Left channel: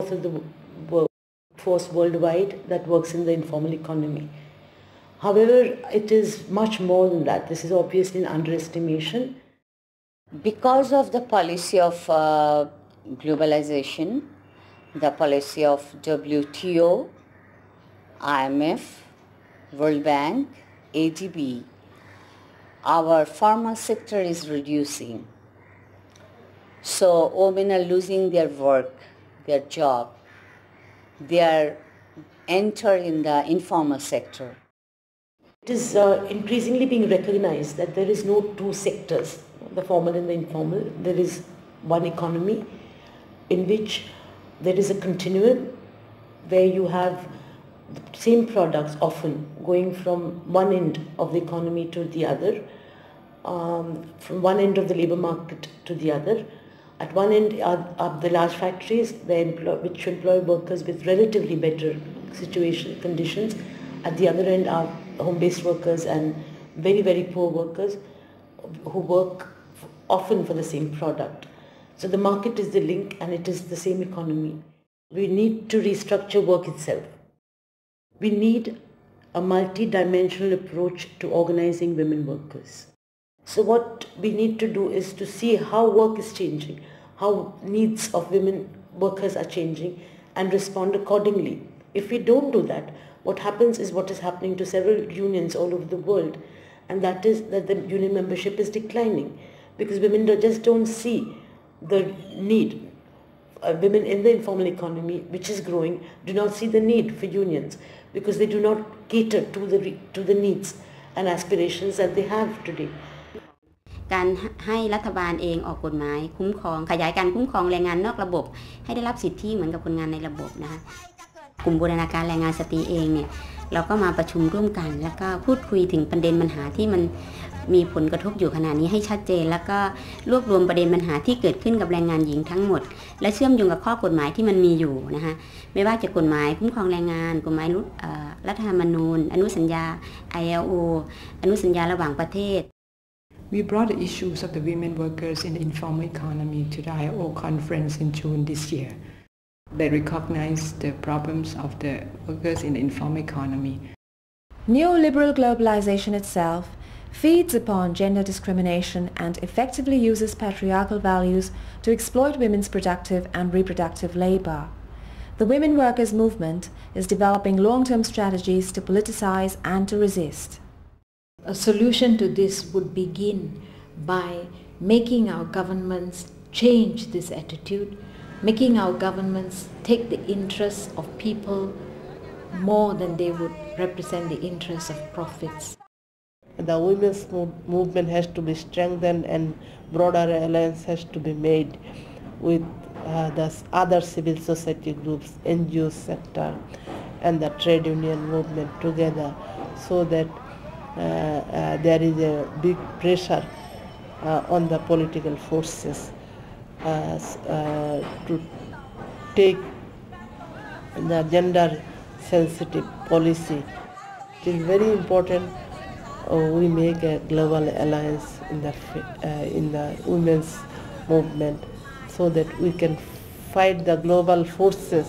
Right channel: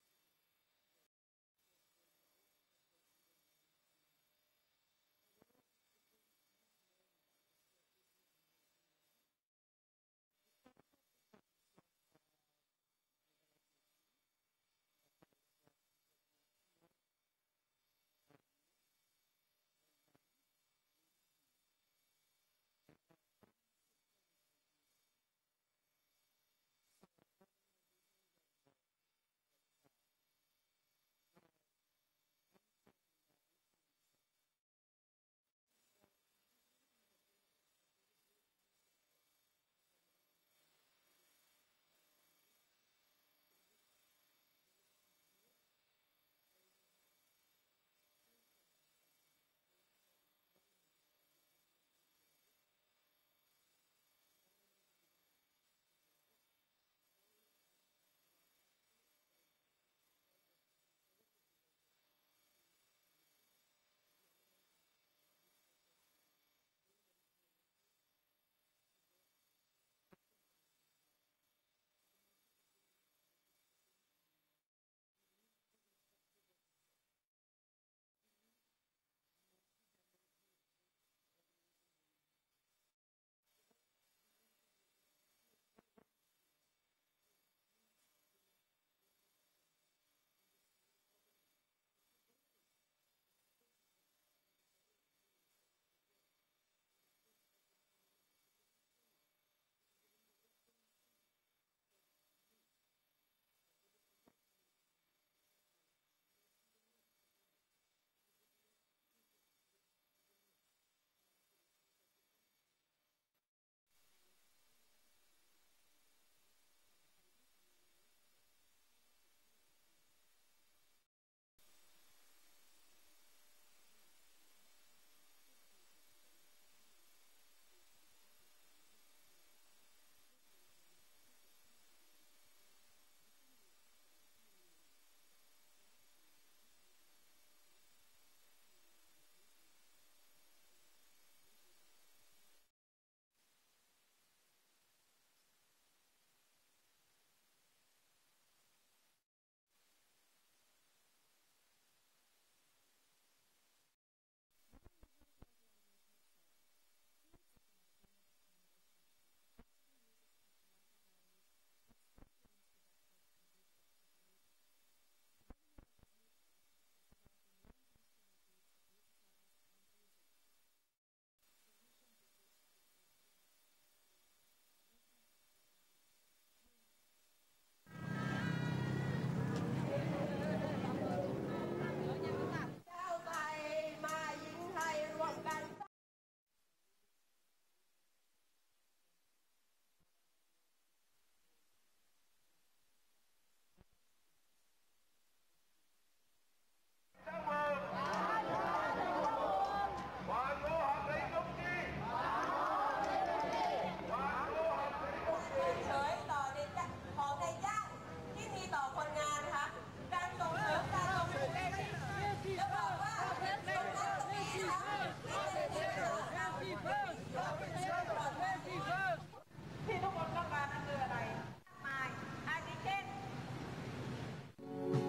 of the workforce worldwide that works in the informal economy. However, it is much more than that. This is obviously an underestimation. Because of the policy of globalization, the policy of WTO, IMF, World Bank, ADB, our formal sector is reducing. So women are losing their work, their job. They are entering in the informal sector. It is increasingly being recognized that there is no two sectors, the formal and the informal. There is one economy in which there is a continuum where you have the same products often going from one end of the economy to the other, from one end of the labor market to the other. At one end are the large factories which employ workers with relatively better conditions. At the other end are home-based workers and very, very poor workers who work often for the same product. So the market is the link and it is the same economy. We need to restructure work itself. We need a multi-dimensional approach to organizing women workers. So what we need to do is to see how work is changing, how needs of women workers are changing, and respond accordingly. If we don't do that, what happens is what is happening to several unions all over the world, and that is that the union membership is declining because women just don't see the need. Women in the informal economy, which is growing, do not see the need for unions because they do not cater to the needs and aspirations that they have today. การให้รัฐบาลเองออกกฎหมายคุ้มครองขยายการคุ้มครองแรงงานนอกระบบให้ได้รับสิทธิเหมือนกับคนงานในระบบนะคะกลุ่มบูรณาการแรงงานสตรีเองเนี่ยเราก็มาประชุมร่วมกันแล้วก็พูดคุยถึงประเด็นปัญหาที่มันมีผลกระทบอยู่ขณะนี้ให้ชัดเจนแล้วก็รวบรวมประเด็นปัญหาที่เกิดขึ้นกับแรงงานหญิงทั้งหมดและเชื่อมโยงกับข้อกฎหมายที่มันมีอยู่นะคะไม่ว่าจะกฎหมายคุ้มครองแรงงานกฎหมายรัฐธรรมนูญอนุสัญญา ILO อนุสัญญาระหว่างประเทศWe brought the issues of the women workers in the informal economy to the ILO conference in June this year. They recognized the problems of the workers in the informal economy. Neoliberal globalization itself feeds upon gender discrimination and effectively uses patriarchal values to exploit women's productive and reproductive labor. The women workers movement is developing long-term strategies to politicize and to resist. A solution to this would begin by making our governments change this attitude, making our governments take the interests of people more than they would represent the interests of profits. The women's movement has to be strengthened and broader alliance has to be made with the other civil society groups, NGO sector and the trade union movement together so that there is a big pressure on the political forces to take the gender sensitive policy. It is very important we make a global alliance in the women's movement so that we can fight the global forces